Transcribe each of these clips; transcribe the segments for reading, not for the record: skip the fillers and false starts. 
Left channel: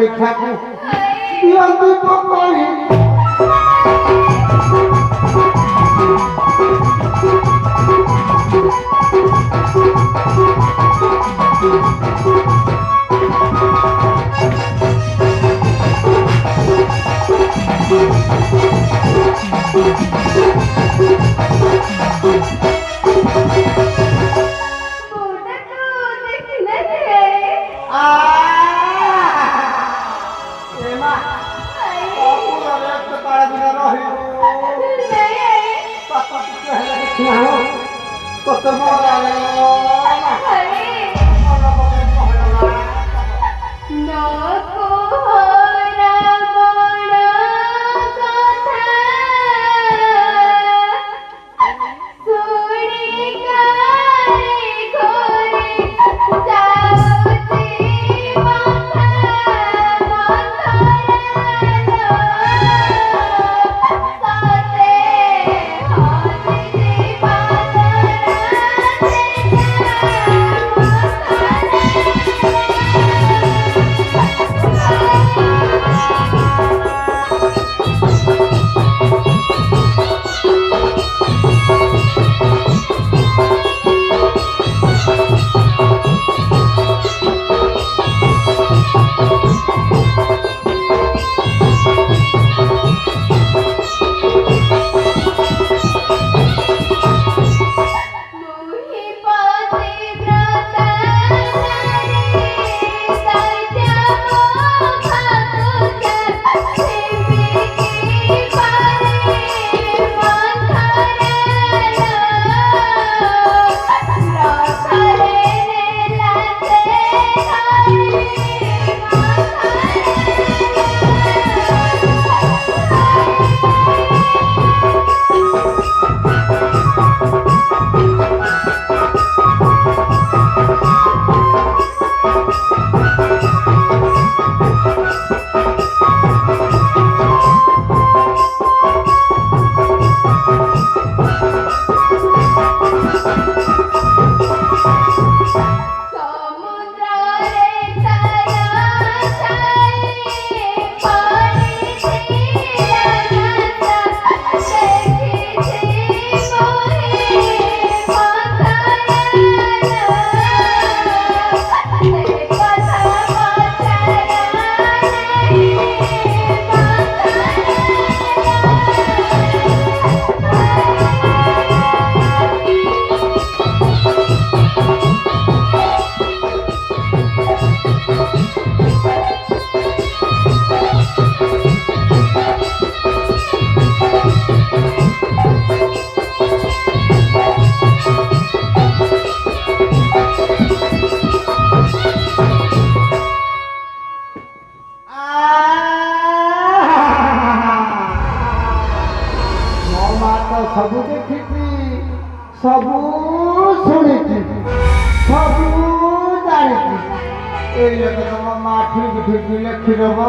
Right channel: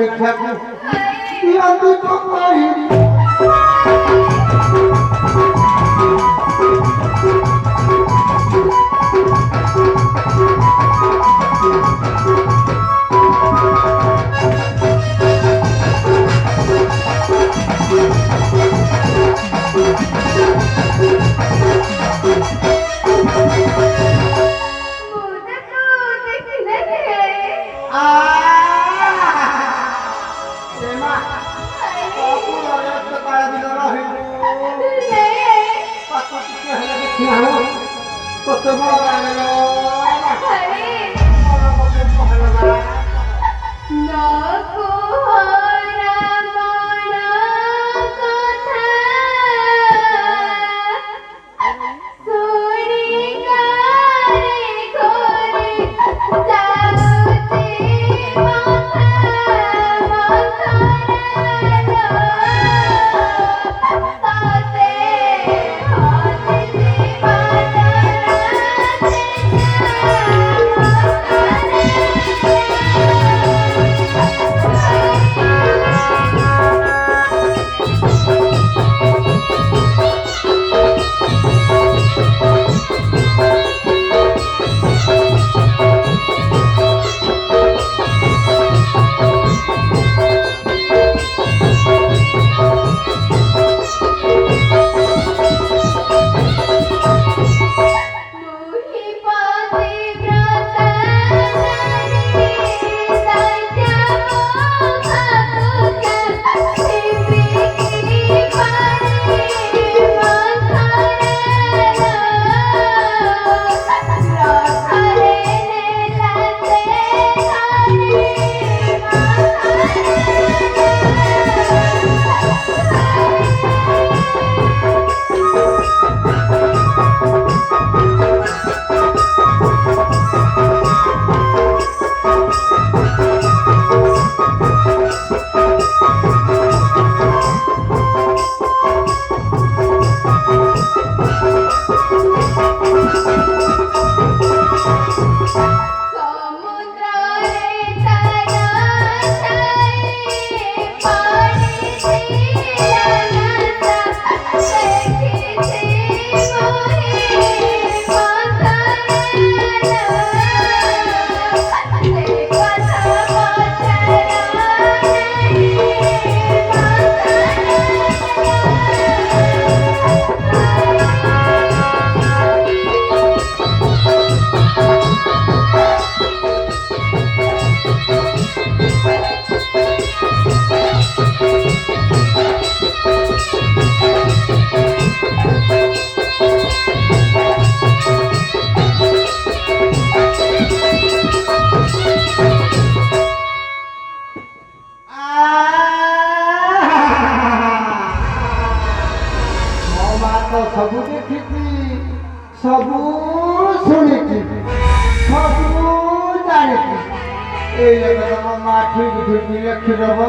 ପରୀକ୍ଷାକୁ ଦିଅନ୍ତି ପକାଇ ସବୁ ଦେଖିଛି ସବୁ ଶୁଣିଛି ସବୁ ଜାଣିଛି ଏଇ ଲୋକ ତମ ମା ଠିକ ଠିକ ଲେଖିଦବ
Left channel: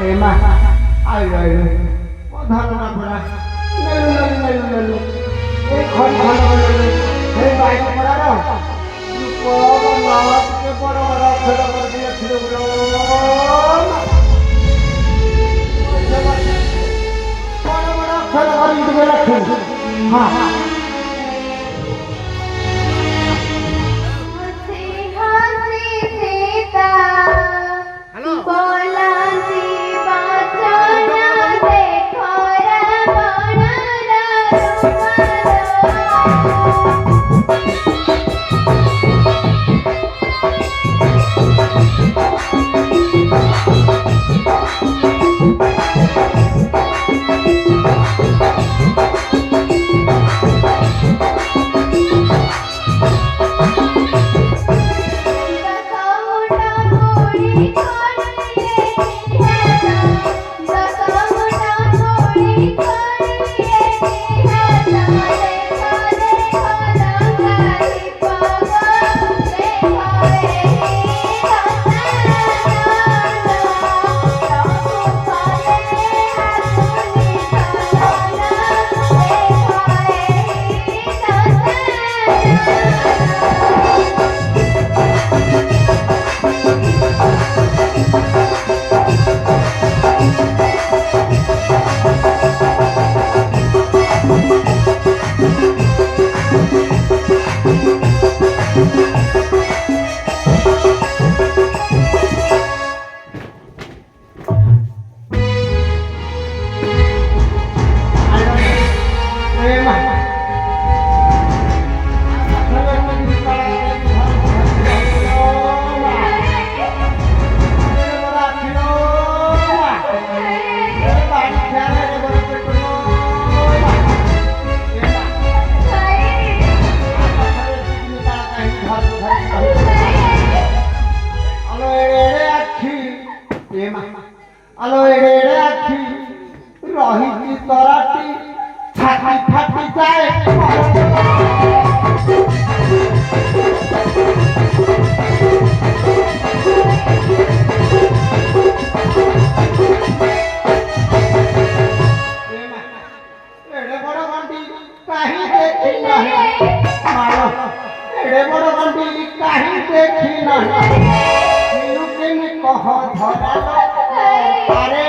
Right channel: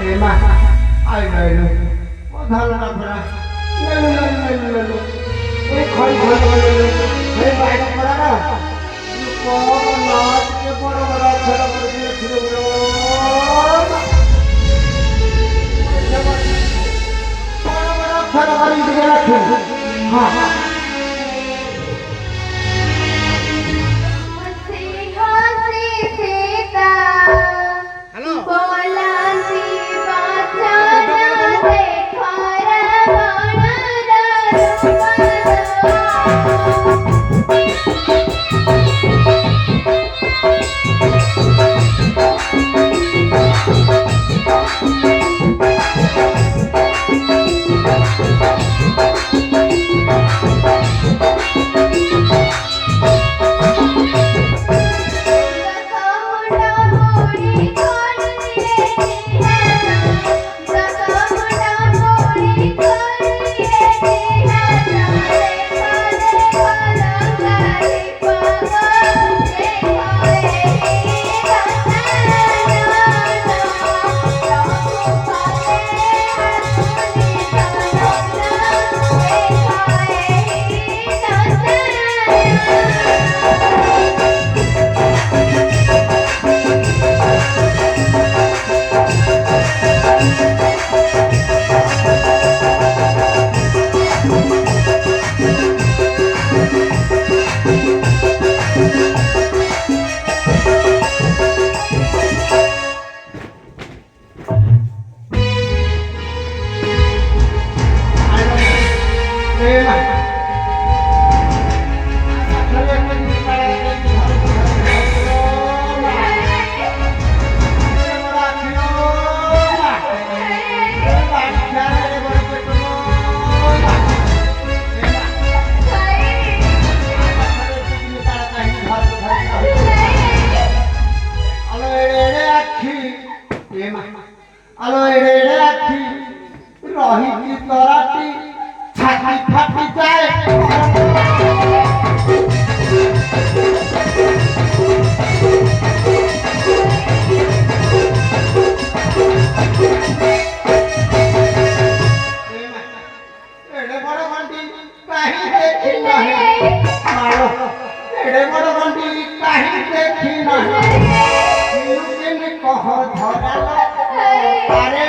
ଏ ମା ଆଇଲ ଆଇଲ ଧାନଟା ପରା ନେଲୁ ନେଲୁ ନେଲୁ ନେଲୁ ଏ ଖଇ ଖଇ ଏ ବାଇକ ପରାର ଟିକେ ବଡ଼ ବଡ଼ ଅକ୍ଷର କରିକି ଲେଖିଦେବୁ আলো এড়ে এড়ে আছি রহিছি তরাটি ছাতি ফাটি যায় এড়ে বড় গন্ডি কাহি দেখি না মারো এড়ে বড় গন্ডি কাহি দেখি না কেন কহ ধরা আরে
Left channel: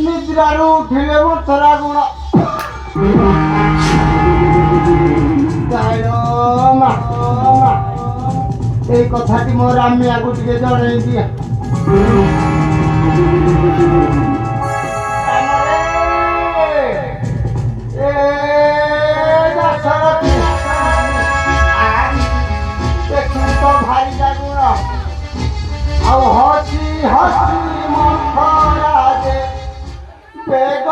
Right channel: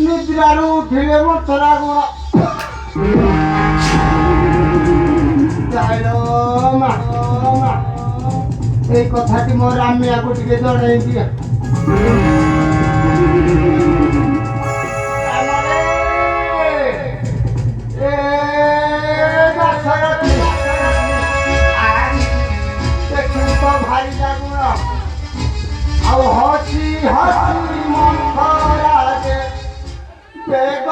निद्रारू उठिले मथरा गुण এই কথাটি মোর আমি আগু টিকে জনাই দিয়া ଆଉ ହସି ହସି ମଥରାଜେ ବେଗ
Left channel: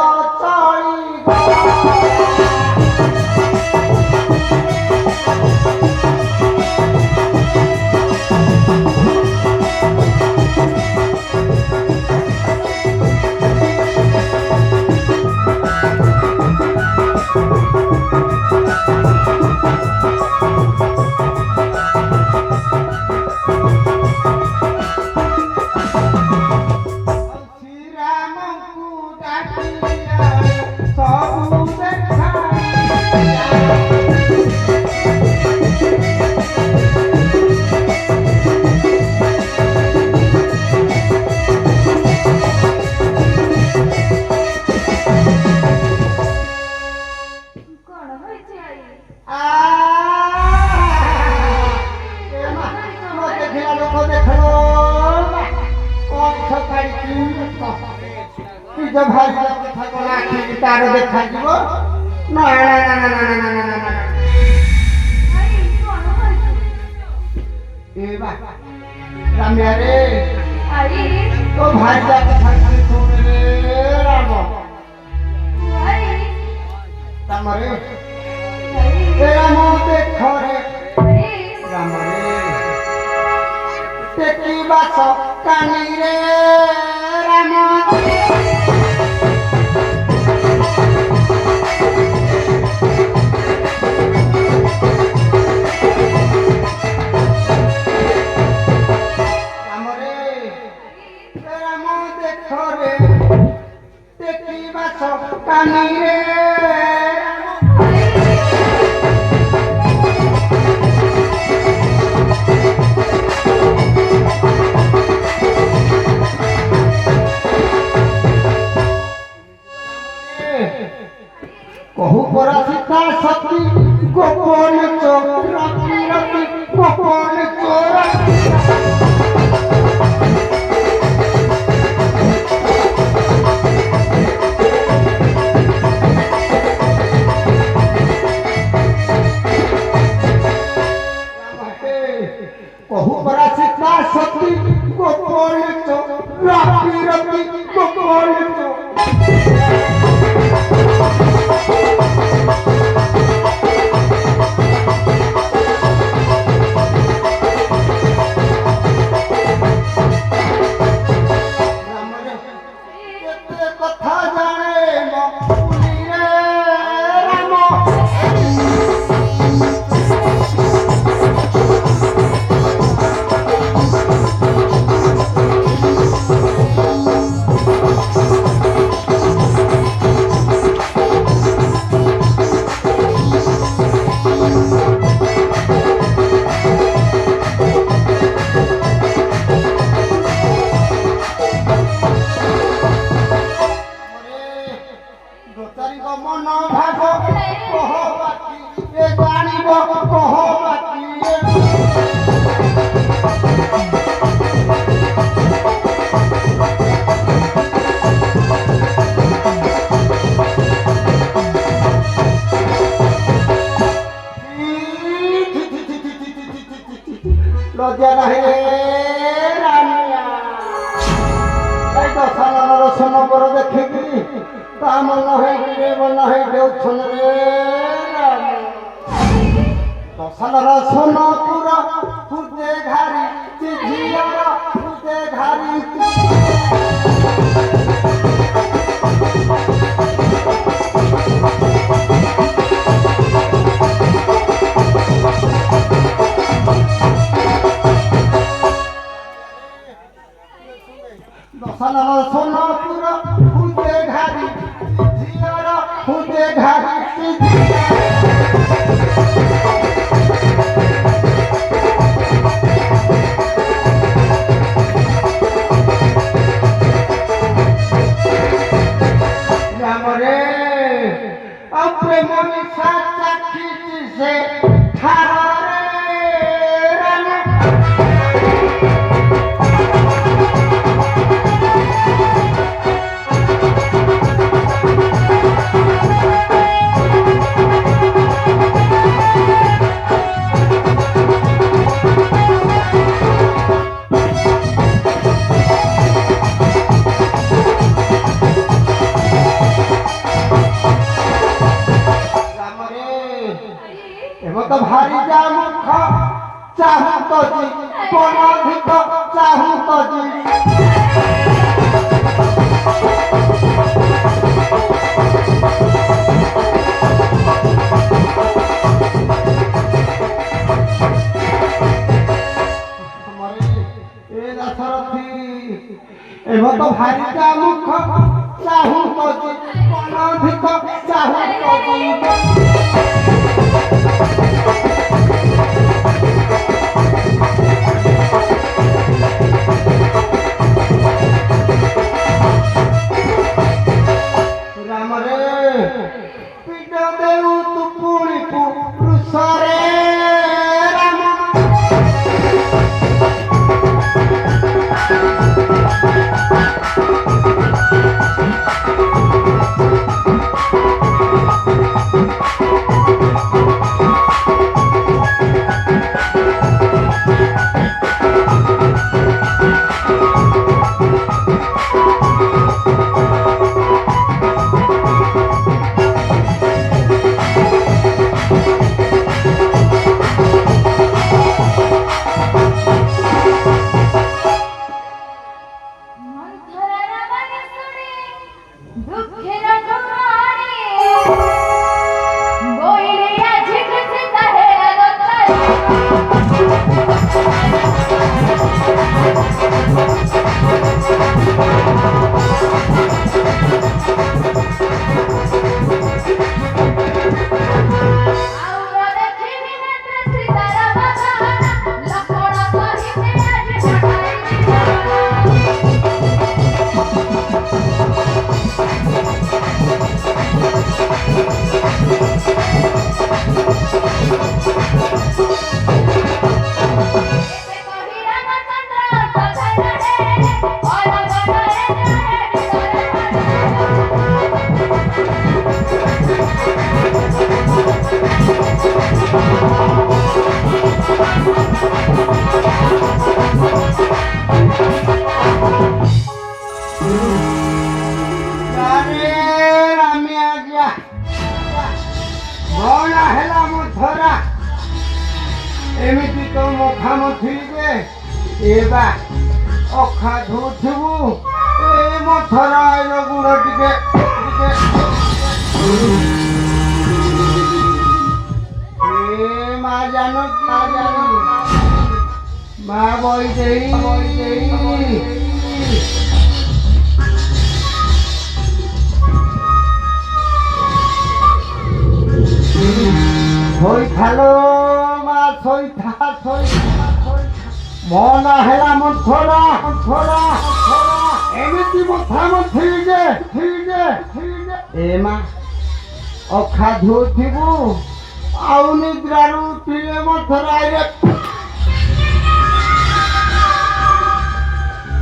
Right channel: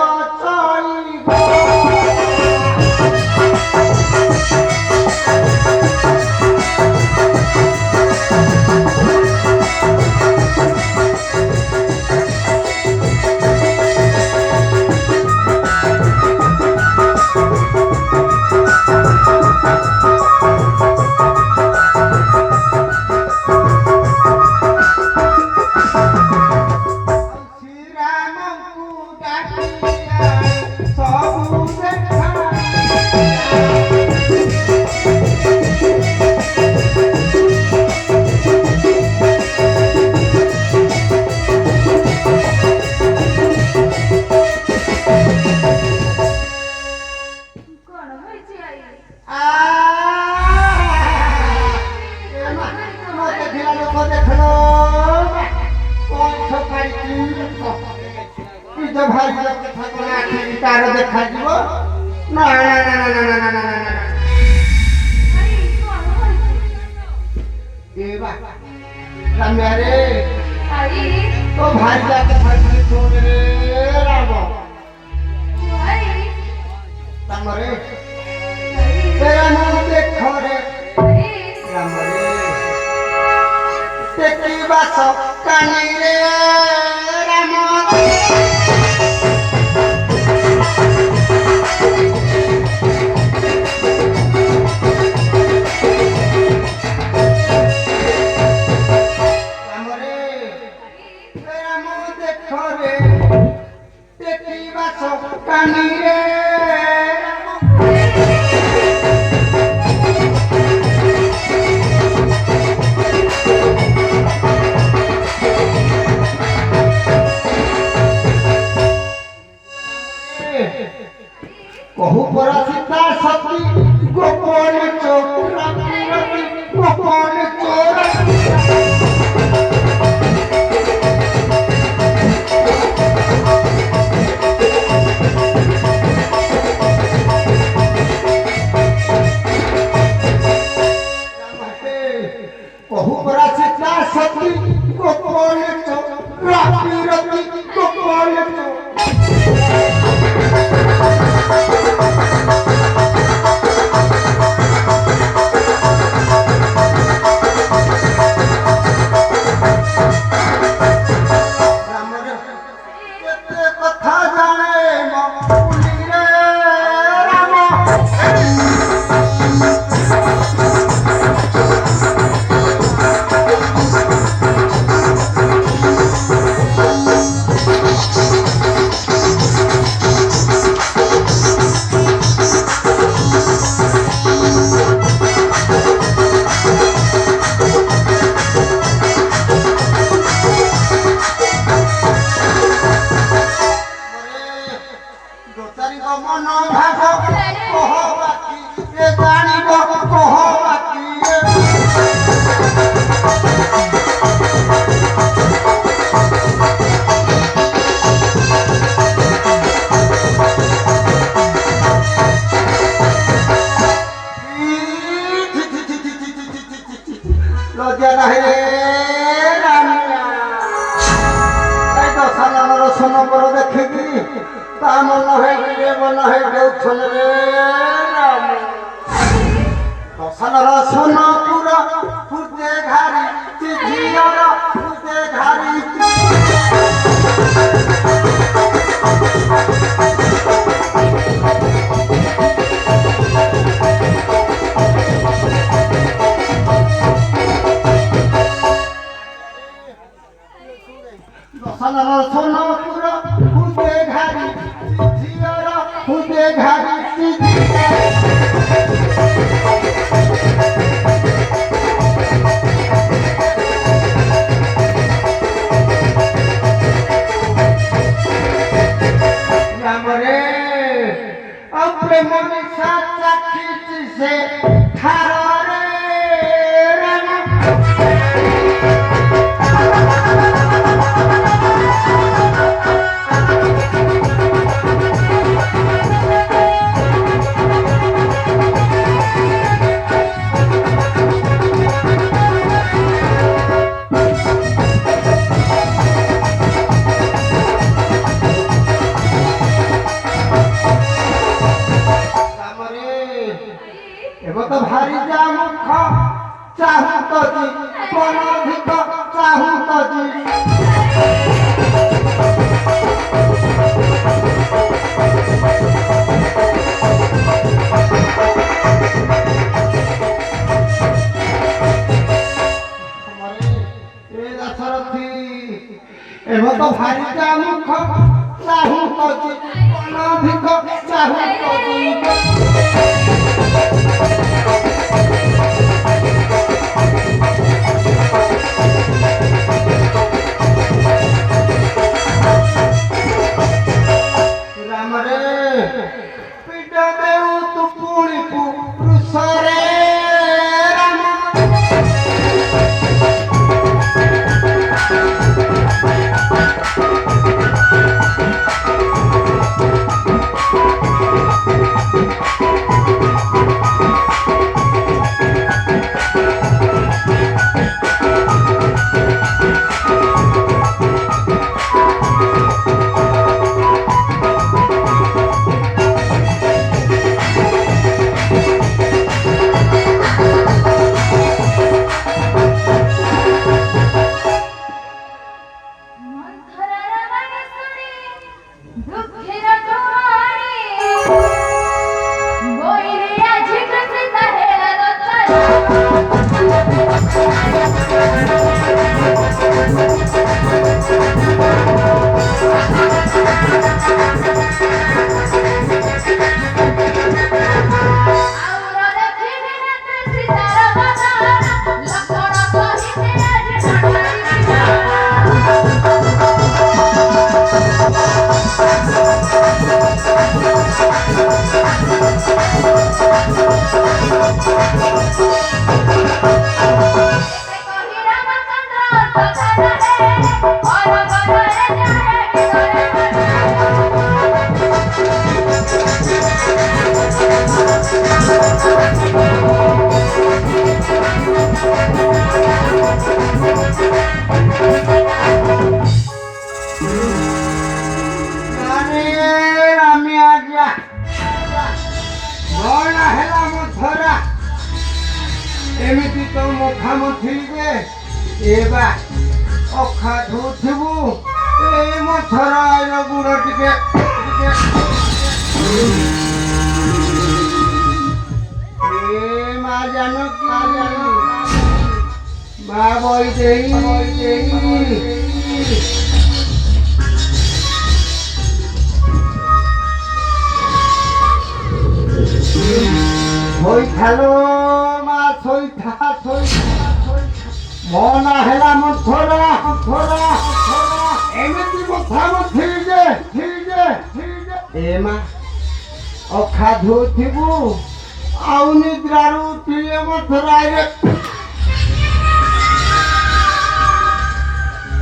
की तो कौन तो লজ্জা নাহে রামিয়া এই তো সালানোর নম্বর দেখে কি তা মনে হয় রে মনে হয় দেউছন রে রামিয়া দশালার সোনা পুরা ফুটে ঘাড়ি চিঠিয়ার ফুটে ঘাড়ি দশালার সোনা পুরা ফুটে ঘাড়ি চিঠিয়ার ফুটে ঘাড়ি अपने मन साचा खींच से ठारा रे तो भारी जाऊं खा चाहूं तो जी कोनो भी को चाहूं तो जी हमारे ये दशरथी एवं तो भारी जाऊं खा चाहूं तो जी कोनो भी को चाहूं तो जी You एबा अखा धुथिबु ए मथरा आइलो गुड़ टिके ए मा जानो मा बई देई Thôi thả lô mà thôi thả Mona hela một thôi ra Em biết đi một thả một thi Em à Okha dhô thibu Auni draru tile một thả ra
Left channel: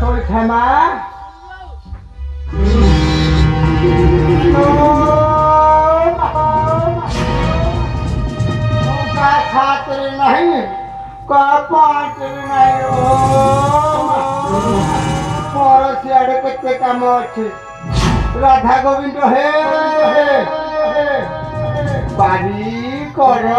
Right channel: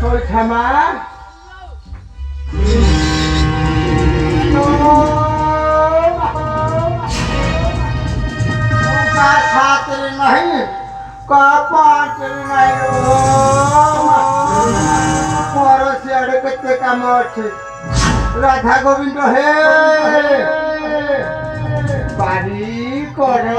Thôi thả má खातिर नहीं कापातिर नहीं मोर सियाड़े केते काम अछि राधा गोविंद हे पारी कर